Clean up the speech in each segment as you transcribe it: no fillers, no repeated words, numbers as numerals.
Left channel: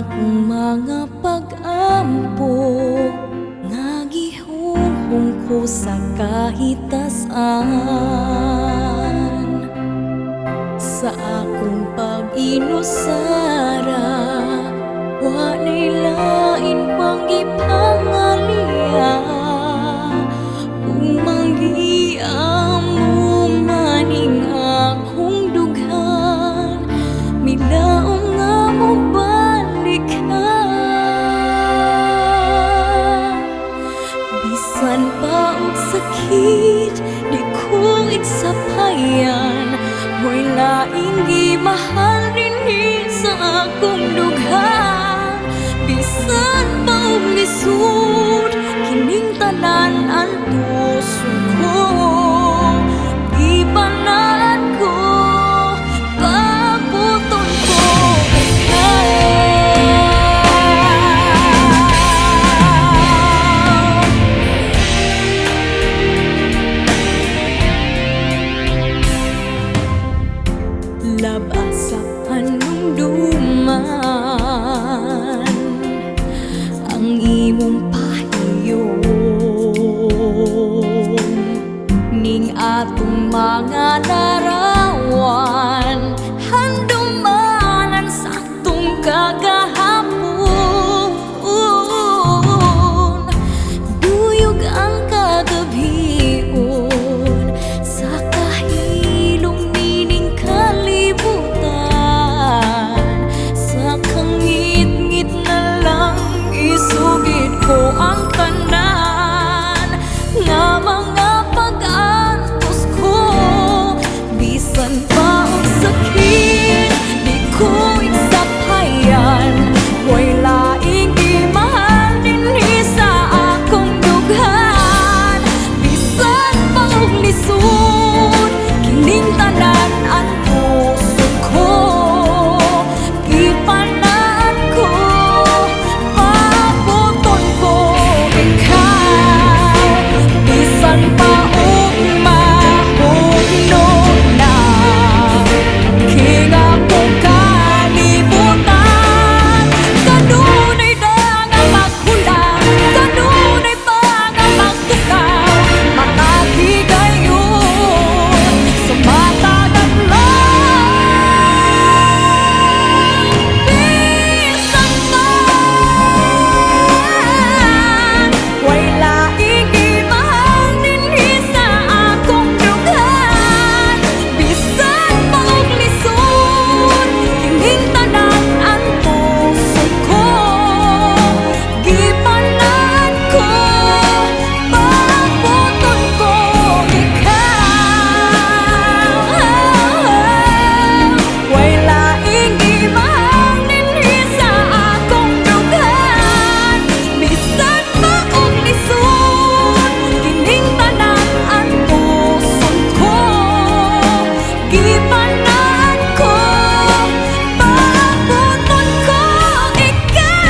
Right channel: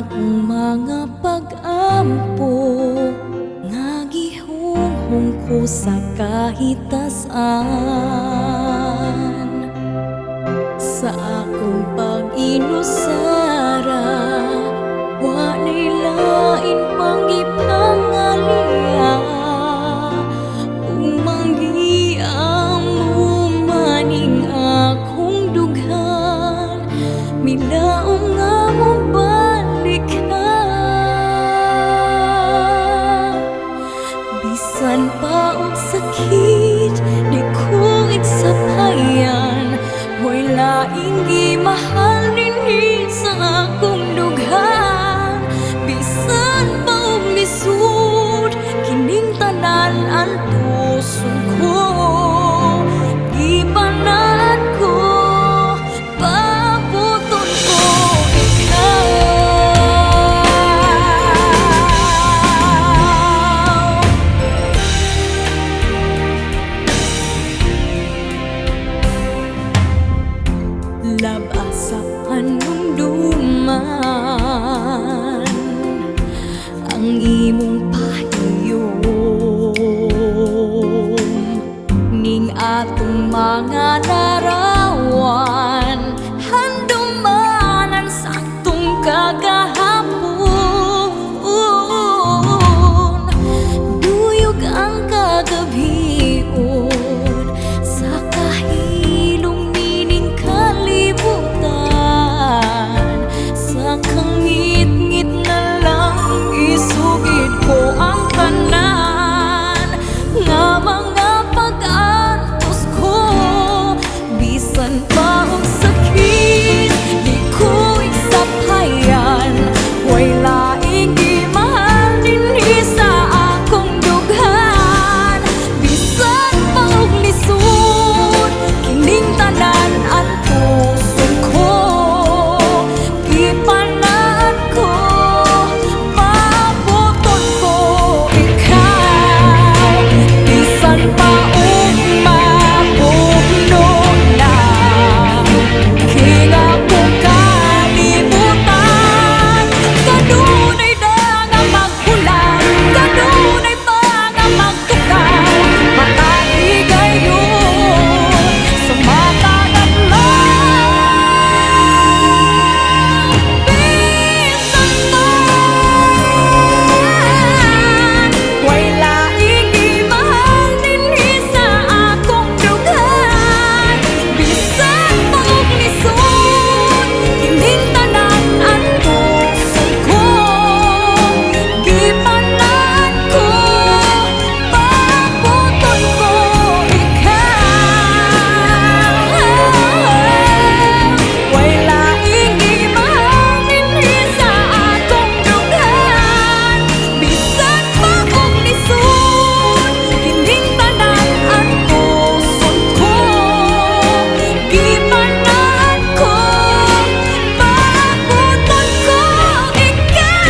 akong mga pag-ampo nga gihunghong ko sa kahitasan. Sa akong pag-inusara, wa na'y lain pang ipangalia. Kung manggiamo maning akong dughan, milaong nga mo balik ka. Bisan pa og sakit, di ko igsapayan. Mo'y laing gimahal dinhi sa akong dughan. Bisan pa og lisod, kining tanan antuson ko. Gibanat ko, pabuton ko ikaw. Labas sa panumduman ang imong pahiyom, ning atong mga larawan handumanan sa atong kagahapon. Duyog ang kagabion sa kahilong nining kalibutan. Sa kangit-ngit na lang isugid ko ang tanan nga mga pag-antos ko. Bisan pa og sakit, di ko igsapayan. Way laing gimahal dinhi sa akong dughan. Bisan pa og lisod, kining tanan antuson ko. Ipanaan ko, pabuton ko ikaw. Bisan pa og mahugno na king akong kalibutan. Kanunay na nga maghulang, kanunay pa nga magtukaw. Matagigayon sa matagat lang. Bisan pa way laing gimahal dinhi sa akong dughan. Bisan pa og lisod, kining tanan antuson ko. Gipanan ko, pabuton ko ikaw. Way laing gimahal dinhi sa akong dughan. Bisan pa og lisod, kining tanan antuson ko. Gipanan ko, pabuton ko ikaw.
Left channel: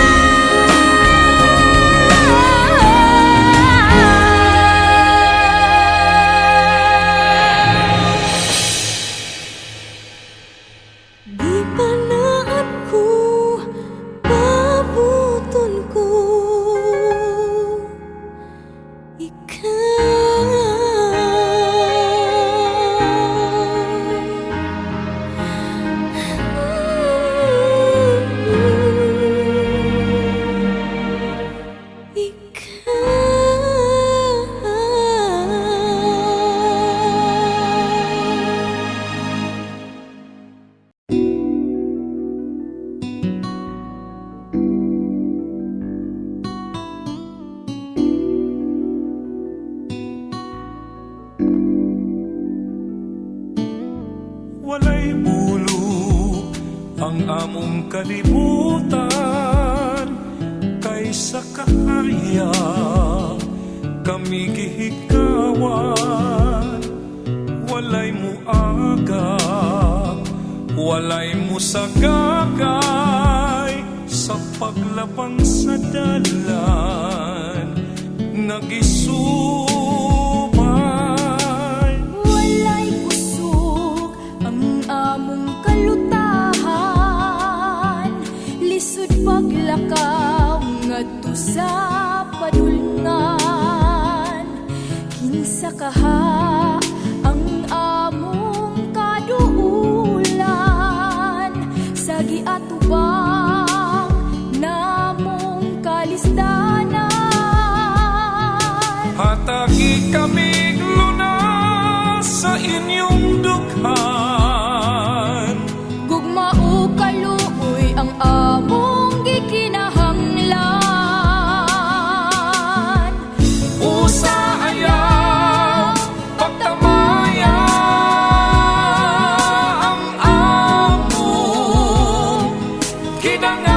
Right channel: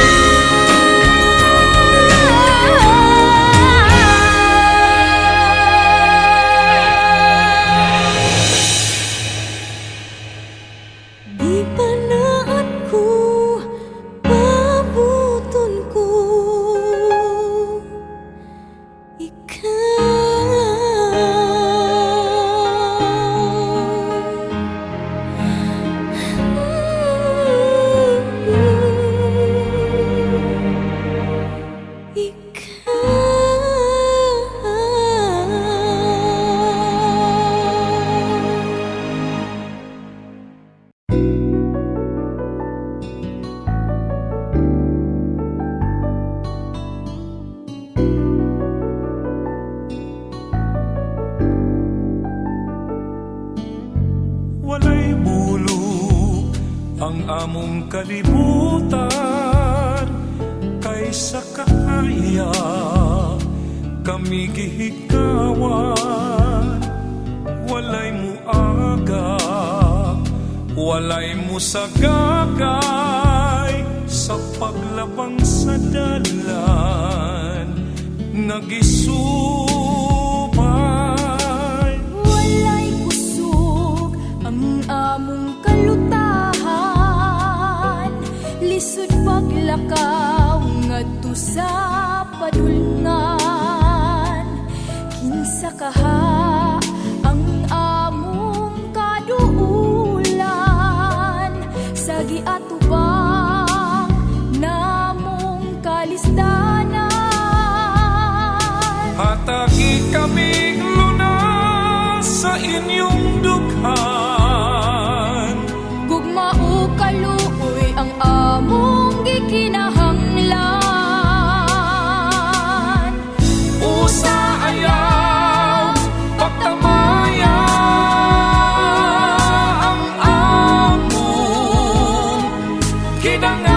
Gipanaan ko, pabuton ko Walay bulog ang among kalibutan, kaysa kahaya kami gihigawan. Walay muagak, walay musagakay sa paglabang sa dalan. Nagisubay walay kusog ang among kalutahan. Lisod pag sa kaha ang among kaduulan sa giatubang namong kalisdanan. Hatagi kami lunas sa inyong dughan. Gugma o kaluoy ang among gikinahanglan. Usa ayaw pagtamaya ang among kidangatan.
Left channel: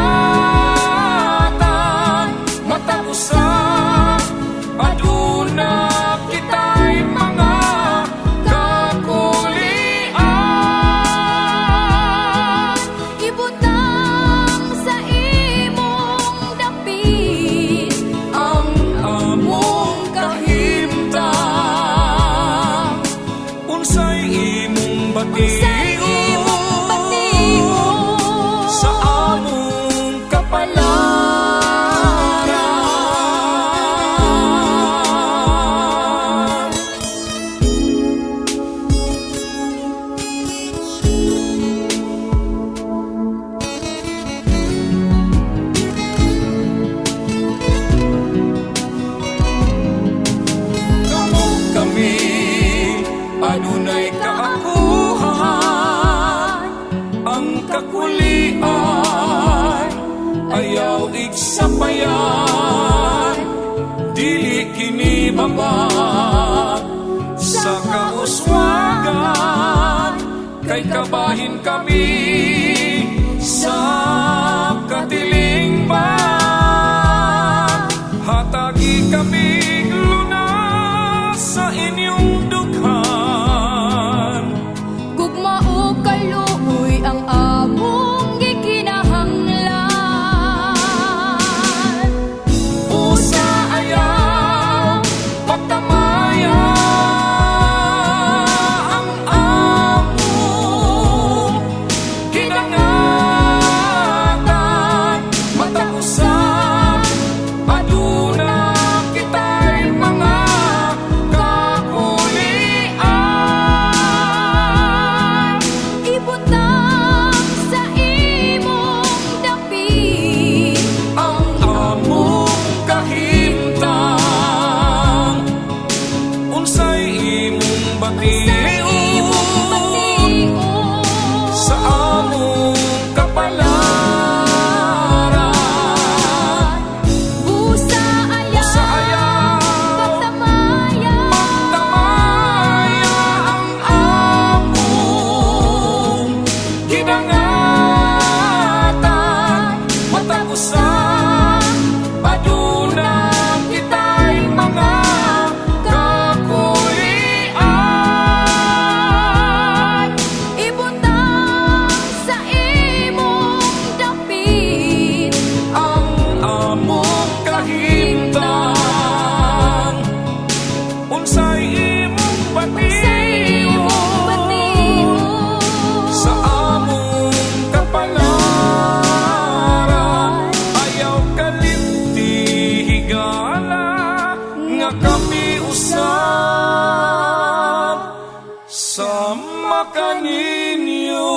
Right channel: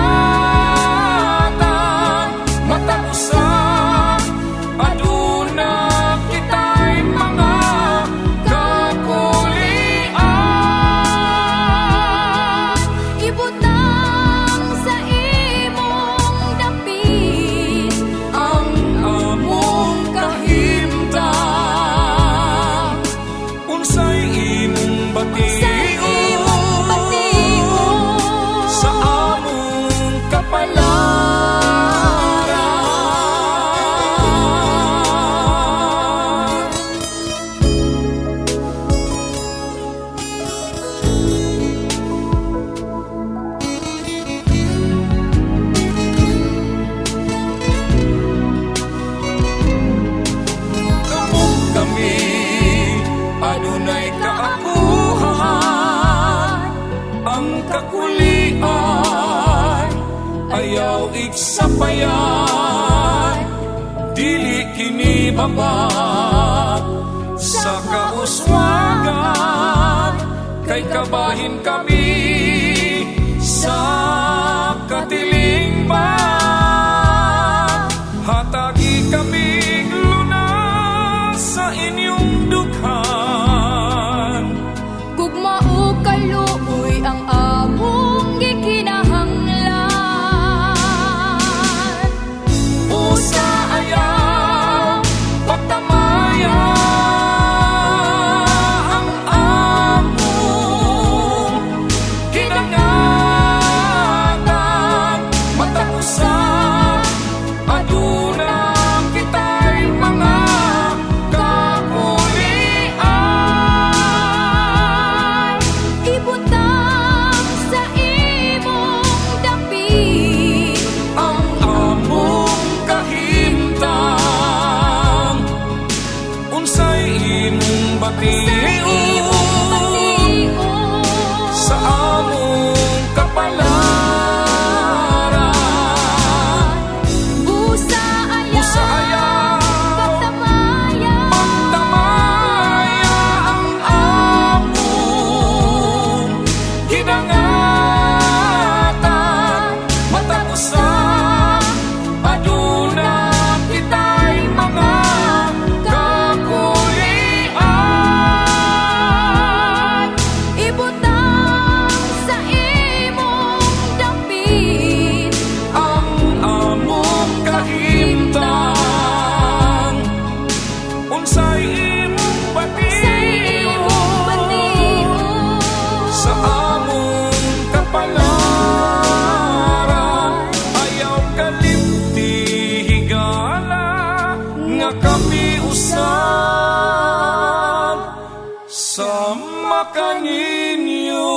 Matag usa aduna kita'y mga kakulian. Ibutang sa imong dapit ang among kahimtang. Unsay imong Sa imong bation sa among kapalaran. Kamong kami adunay kaakuhan, ang kakulian ayaw igsapayan. Dili kini babag sa kauswagan, kay kabahin kami sa katilingban. Hatagi kami lunas sa inyong dughan. Gugma o kaluoy ang among gikinahanglan. Usa ayaw pagtamaya ang among kinangatan. Matag usa aduna kita'y mga kakulian. Ibutang sa imong dapit Ang among kahimtang. Unsay imong bation sa among kapalaran. Busa Usa ayaw pagtamaya pagtamaya ang among gidangatan. Matag usa aduna kita'y mga kakulian. ibutang sa imong dapit Ang among kahimtang. Unsay imong bation sa among kapalaran. Ayaw kalimti higala nga kami usab sa makaninyo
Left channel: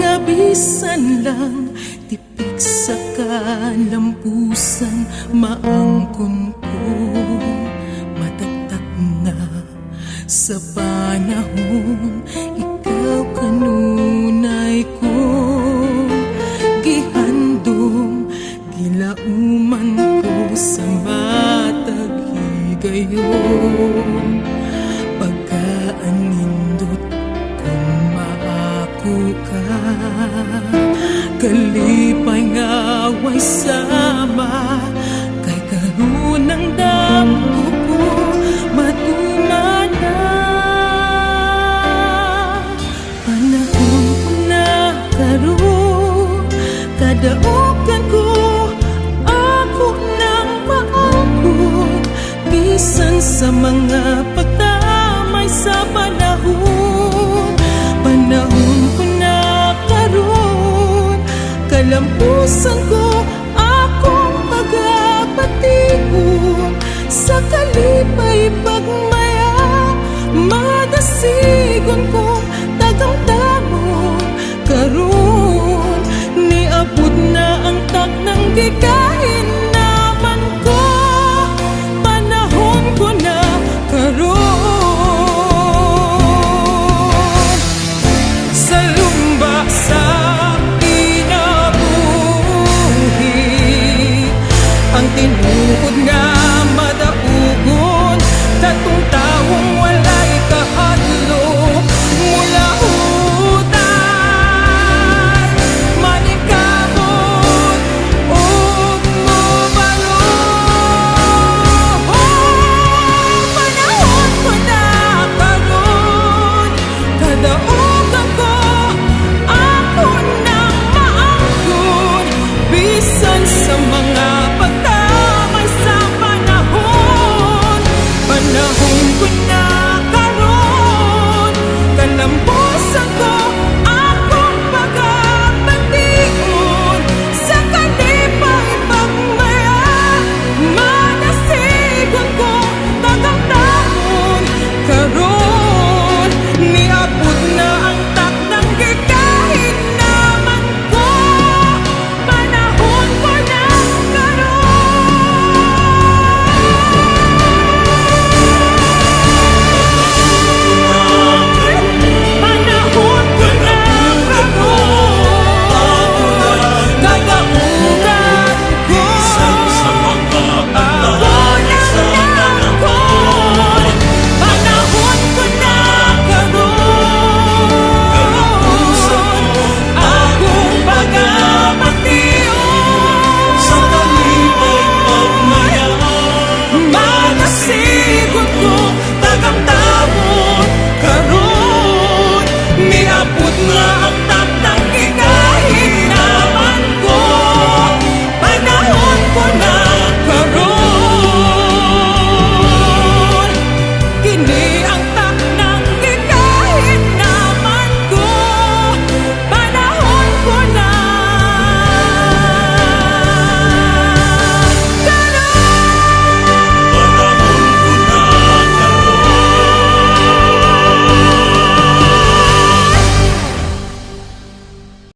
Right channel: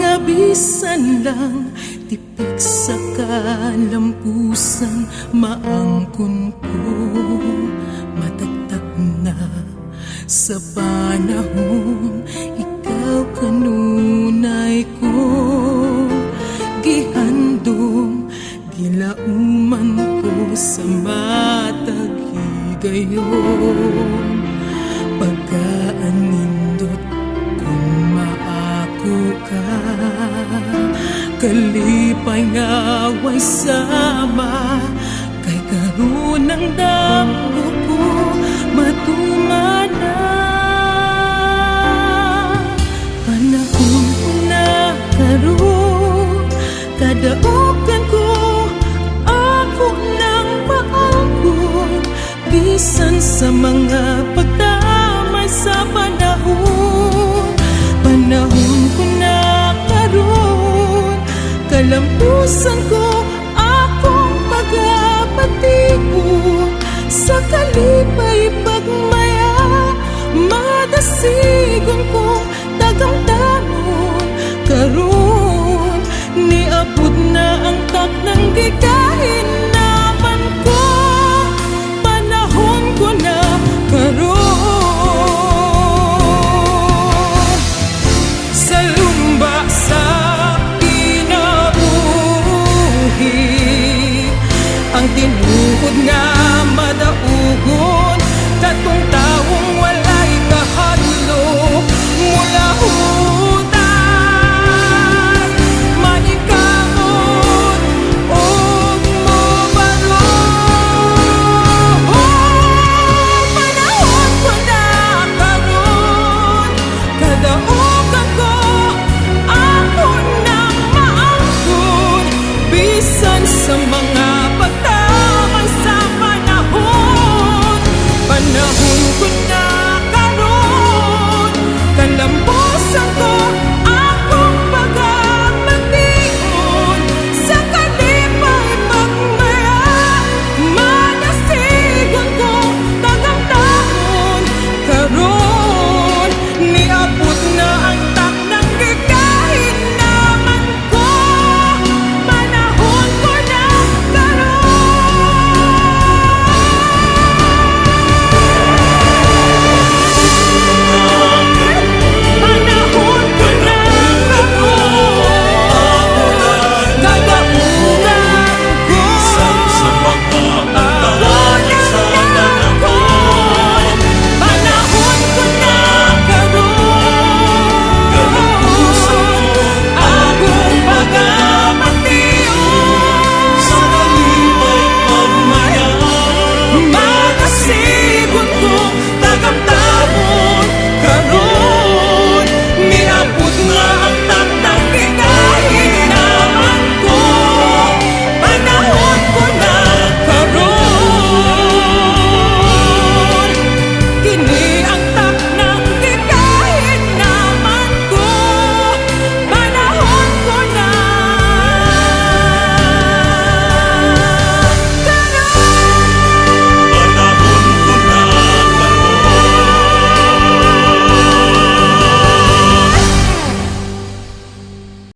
nga bisan lang tipik sa kalampusan maangkon ko matagtak na sa panahon ikaw kanunay ko gihandom gilauman ko sa matag higayon pagkaanindot kung maako ka kalipay nga way sama kay karon ang damgo ko matumana panahon ko na karon kadaogan ko ako nang maangkon bisan sa mga pagdamay sa panahon ko na karon kalampusan ko akong pagapatigon sa kalipay pagmaya madasigon kong tagang-tamon karon niabot na ang taknang gikahin naman ko panahon ko na karon sa lumba sa kinabuhi ang tinuod nga madaugon tatong tawong walay kahadlok mula hutay maningkamot ug mobalong panahon ko na karon kadaogan ko ako nang maangkon bisan sa mga pagtamay sa panahon ko na karon kalampusan ko